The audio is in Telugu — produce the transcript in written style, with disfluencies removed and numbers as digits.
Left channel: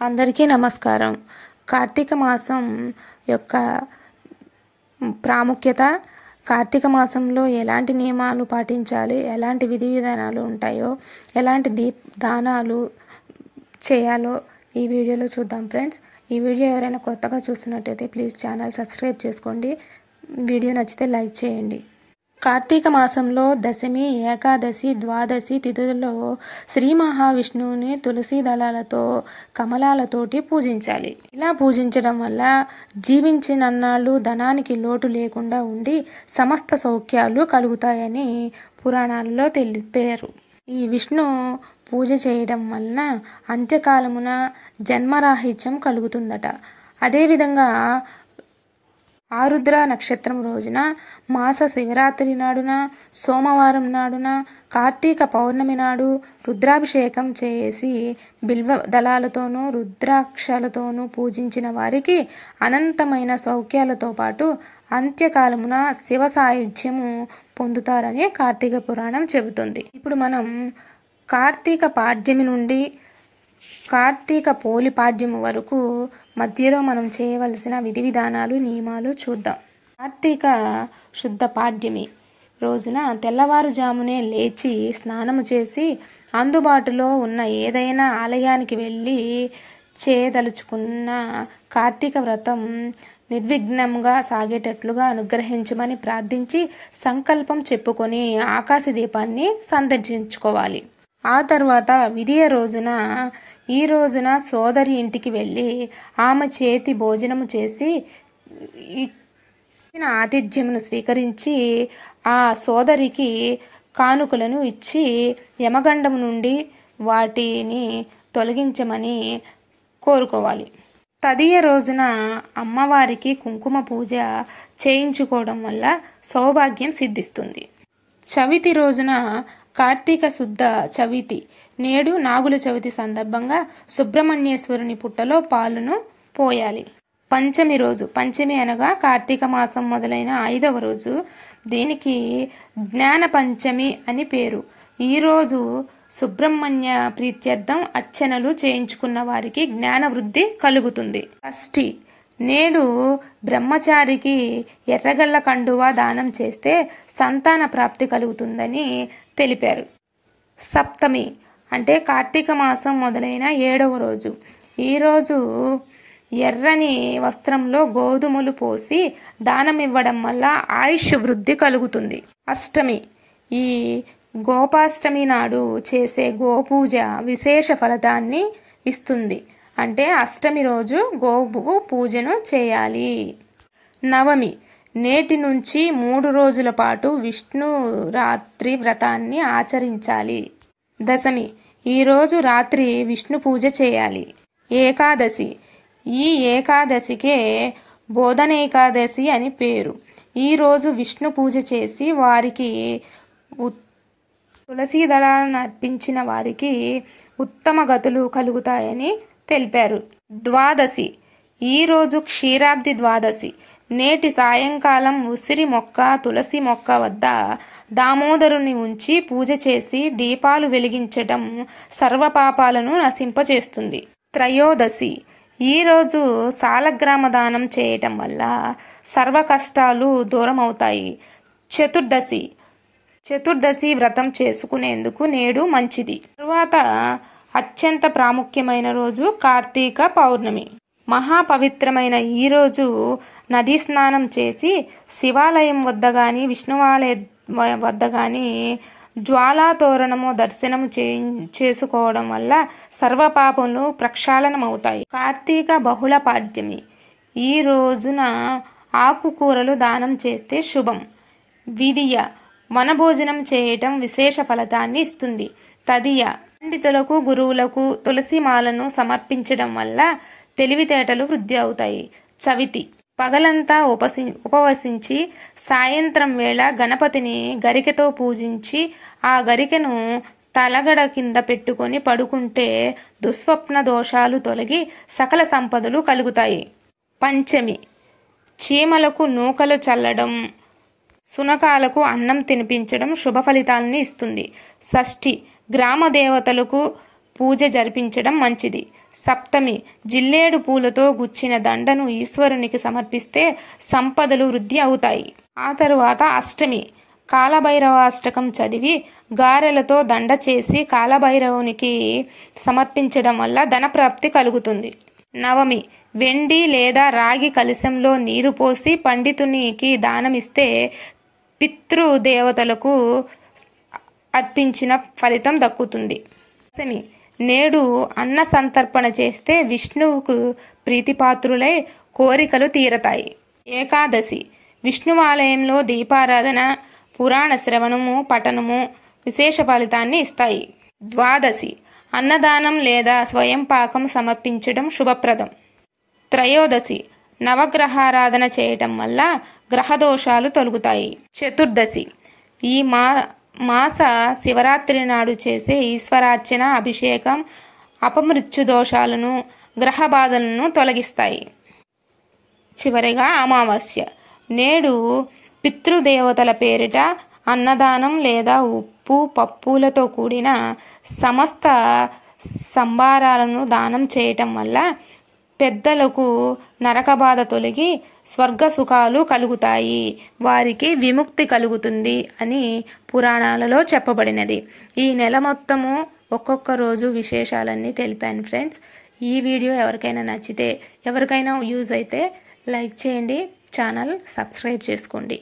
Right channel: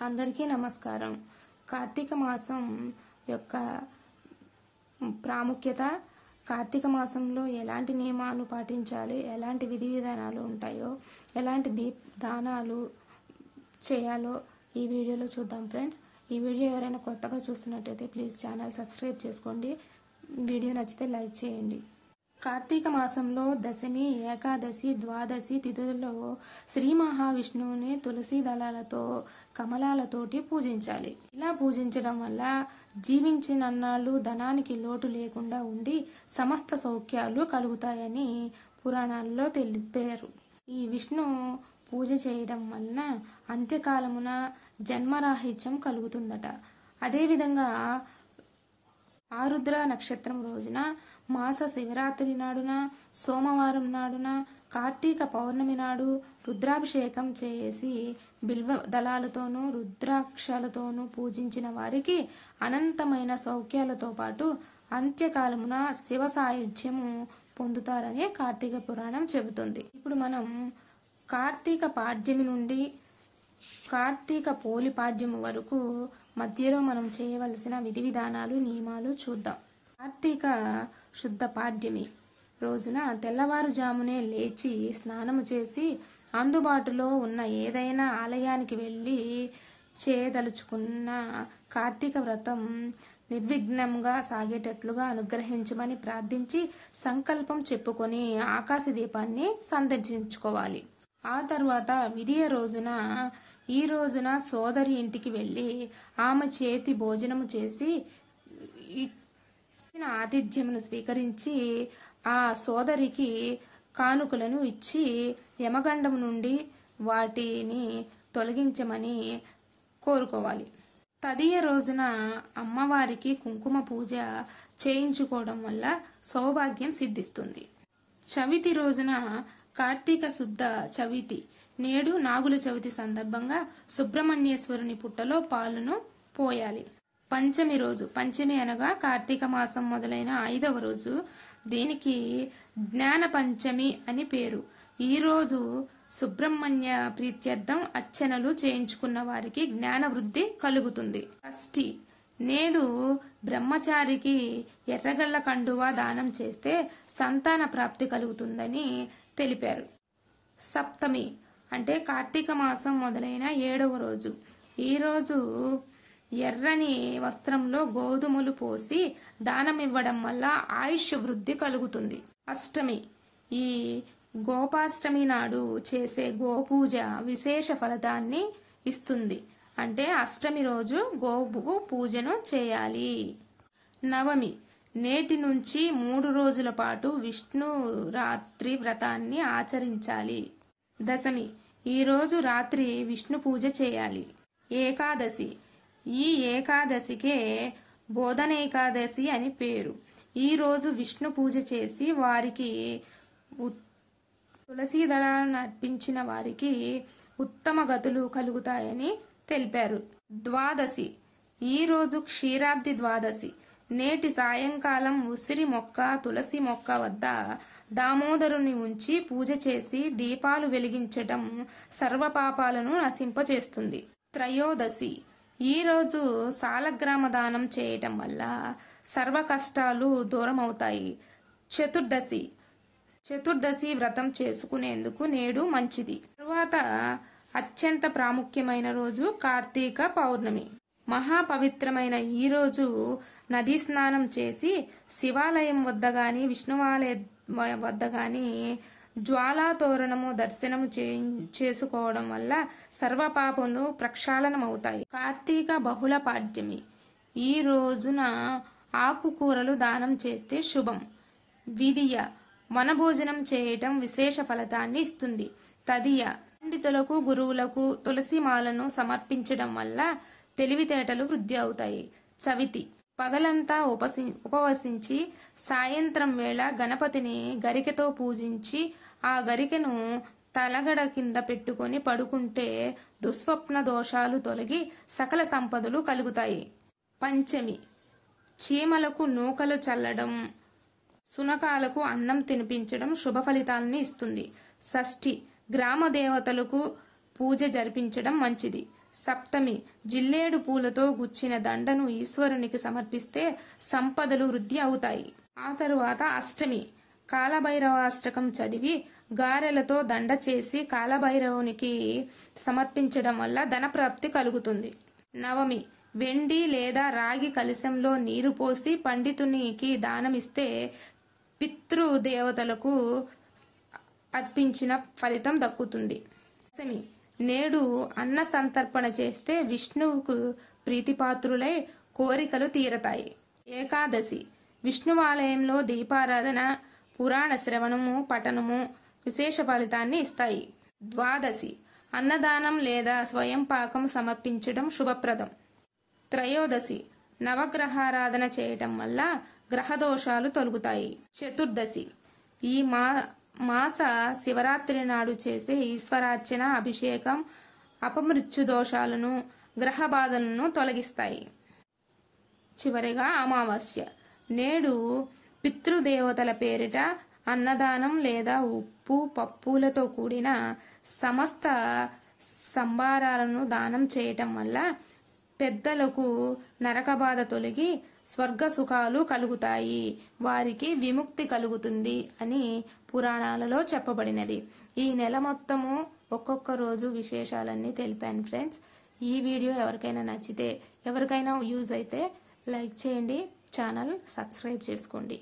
అందరికీ నమస్కారం. కార్తీక మాసం యొక్క ప్రాముఖ్యత, కార్తీక మాసంలో ఎలాంటి నియమాలు పాటించాలి, ఎలాంటి విధి విధానాలు ఉంటాయో, ఎలాంటి దానాలు చేయాలో ఈ వీడియోలో చూద్దాం ఫ్రెండ్స్. ఈ వీడియో ఎవరైనా కొత్తగా చూస్తున్నట్టయితే ప్లీజ్ ఛానల్ సబ్స్క్రైబ్ చేసుకోండి. వీడియో నచ్చితే లైక్ చేయండి. కార్తీక మాసంలో దశమి, ఏకాదశి, ద్వాదశి తిథులలో శ్రీ మహావిష్ణువుని తులసి దళాలతో, కమలాలతోటి పూజించాలి. ఇలా పూజించడం వల్ల జీవించినన్నాళ్ళు ధనానికి లోటు లేకుండా ఉండి సమస్త సౌఖ్యాలు కలుగుతాయని పురాణాల్లో తెలిపారు. ఈ విష్ణు పూజ చేయడం వలన అంత్యకాలమున జన్మరాహిత్యం కలుగుతుందట. అదేవిధంగా ఆరుద్ర నక్షత్రం రోజున, మాస శివరాత్రి నాడున, సోమవారం నాడున, కార్తీక పౌర్ణమి నాడు రుద్రాభిషేకం చేసి బిల్వ దళాలతోనూ రుద్రాక్షలతోనూ పూజించిన వారికి అనంతమైన సౌఖ్యాలతో పాటు అంత్యకాలమున శివ సాయుధ్యము పొందుతారని కార్తీక పురాణం చెబుతుంది. ఇప్పుడు మనం కార్తీక పాడ్యమి నుండి కార్తీక పోలిపాడ్యము వరకు మధ్యలో మనం చేయవలసిన విధి విధానాలు, నియమాలు చూద్దాం. కార్తీక శుద్ధ పాడ్యమి రోజున తెల్లవారుజామునే లేచి స్నానము చేసి అందుబాటులో ఉన్న ఏదైనా ఆలయానికి వెళ్ళి చేయదలుచుకున్న కార్తీక వ్రతం నిర్విఘ్నంగా సాగేటట్లుగా అనుగ్రహించమని ప్రార్థించి సంకల్పం చెప్పుకొని ఆకాశ దీపాన్ని సందర్శించుకోవాలి. ఆ తర్వాత విధియ రోజున ఈ రోజున సోదరి ఇంటికి వెళ్ళి ఆమె చేతి భోజనము చేసి ఇచ్చిన ఆతిథ్యమును స్వీకరించి ఆ సోదరికి కానుకలను ఇచ్చి యమగండం నుండి వాటిని తొలగించమని కోరుకోవాలి. తదియ రోజున అమ్మవారికి కుంకుమ పూజ చేయించుకోవడం వల్ల సౌభాగ్యం సిద్ధిస్తుంది. చవితి రోజున కార్తీక శుద్ధ చవితి నేడు నాగుల చవితి సందర్భంగా సుబ్రహ్మణ్యేశ్వరుని పుట్టలో పాలును పోయాలి. పంచమి రోజు, పంచమి అనగా కార్తీక మాసం మొదలైన 5వ రోజు, దీనికి జ్ఞాన పంచమి అని పేరు. ఈరోజు సుబ్రహ్మణ్య ప్రీత్యర్థం అర్చనలు చేయించుకున్న వారికి జ్ఞాన వృద్ధి కలుగుతుంది. షష్ఠి నేడు బ్రహ్మచారికి ఎర్రగల్ల కండువా దానం చేస్తే సంతాన ప్రాప్తి కలుగుతుందని తెలిపారు. సప్తమి అంటే కార్తీక మాసం మొదలైన 7వ రోజు. ఈరోజు ఎర్రని వస్త్రంలో గోధుమలు పోసి దానం ఇవ్వడం వల్ల ఆయుష్ వృద్ధి కలుగుతుంది. అష్టమి ఈ గోపాష్టమి నాడు చేసే గోపూజ విశేష ఫలితాన్ని ఇస్తుంది. అంటే అష్టమి రోజు గోవు పూజను చేయాలి. నవమి నేటి నుంచి 3 రోజుల పాటు విష్ణు రాత్రి వ్రతాన్ని ఆచరించాలి. దశమి ఈరోజు రాత్రి విష్ణు పూజ చేయాలి. ఏకాదశి ఈ ఏకాదశికే బోధనేకాదశి అని పేరు. ఈరోజు విష్ణు పూజ చేసి వారికి తులసి దళాలను అర్పించిన వారికి ఉత్తమ గతులు కలుగుతాయని తెలిపారు. ద్వాదశి ఈరోజు క్షీరాబ్ది ద్వాదశి. నేటి సాయంకాలం ఉసిరి మొక్క, తులసి మొక్క వద్ద దామోదరుని ఉంచి పూజ చేసి దీపాలు వెలిగించటం సర్వపాపాలను నశింపచేస్తుంది. త్రయోదశి ఈరోజు సాలగ్రామ దానం చేయటం వల్ల సర్వ కష్టాలు దూరం అవుతాయి. చతుర్దశి వ్రతం చేసుకునేందుకు నేడు మంచిది. తరువాత అత్యంత ప్రాముఖ్యమైన రోజు కార్తీక పౌర్ణమి. మహాపవిత్రమైన ఈ రోజు నదీ స్నానం చేసి శివాలయం వద్ద కానీ విష్ణువాలయం వద్ద కానీ జ్వాలాతోరణము దర్శనము చేసుకోవడం వల్ల సర్వపాపములు ప్రక్షాళనం అవుతాయి. కార్తీక బహుళ పాడ్యమి ఈ రోజున ఆకుకూరలు దానం చేస్తే శుభం. విధియ వనభోజనం చేయటం విశేష ఫలితాన్ని ఇస్తుంది. తదియ పండితులకు, గురువులకు తులసి మాలను సమర్పించడం వల్ల తెలివితేటలు వృద్ధి అవుతాయి. చవితి పగలంతా ఉపవసించి సాయంత్రం వేళ గణపతిని గరికెతో పూజించి ఆ గరికెను తలగడ కింద పెట్టుకొని పడుకుంటే దుస్వప్న దోషాలు తొలగి సకల సంపదలు కలుగుతాయి. పంచమి చీమలకు నూకలు చల్లడం, సునకాలకు అన్నం తినిపించడం శుభ ఫలితాలను ఇస్తుంది. షష్ఠి గ్రామ దేవతలకు పూజ జరిపించడం మంచిది. సప్తమి జిల్లేడు పూలతో గుచ్చిన దండను ఈశ్వరునికి సమర్పిస్తే సంపదలు వృద్ధి అవుతాయి. ఆ తరువాత అష్టమి కాలభైరవాష్టకం చదివి గారెలతో దండ చేసి కాలభైరవునికి సమర్పించడం వల్ల ధనప్రాప్తి కలుగుతుంది. నవమి వెండి లేదా రాగి కలశంలో నీరు పోసి పండితునికి దానమిస్తే పితృదేవతలకు అర్పించిన ఫలితం దక్కుతుంది. దశమి నేడు అన్న సంతర్పణ చేస్తే విష్ణువుకు ప్రీతిపాత్రులై కోరికలు తీరతాయి. ఏకాదశి విష్ణువాలయంలో దీపారాధన, పురాణ శ్రవణము, పఠనము విశేష ఫలితాన్ని ఇస్తాయి. ద్వాదశి అన్నదానం లేదా స్వయం పాకం సమర్పించడం శుభప్రదం. త్రయోదశి నవగ్రహారాధన చేయటం వల్ల గ్రహదోషాలు తొలగుతాయి. చతుర్దశి ఈ మాస శివరాత్రి నాడు చేసే ఈశ్వరార్చన, అభిషేకం అపమృత్యు దోషాలను, గ్రహ బాధలను తొలగిస్తాయి. చివరిగా అమావాస్య నేడు పితృదేవతల పేరిట అన్నదానం లేదా ఉప్పు పప్పులతో కూడిన సమస్త సంభారాలను దానం చేయటం వల్ల పెద్దలకు నరక బాధ తొలగి స్వర్గ సుఖాలు కలుగుతాయి, వారికి విముక్తి కలుగుతుంది అని పురాణాలలో చెప్పబడినది. ఈ నెల మొత్తము ఒక్కొక్క రోజు విశేషాలన్నీ తెలిపాను ఫ్రెండ్స్. ఈ వీడియో ఎవరికైనా నచ్చితే, ఎవరికైనా యూజ్ అయితే లైక్ చేయండి, ఛానల్ సబ్స్క్రైబ్ చేసుకోండి.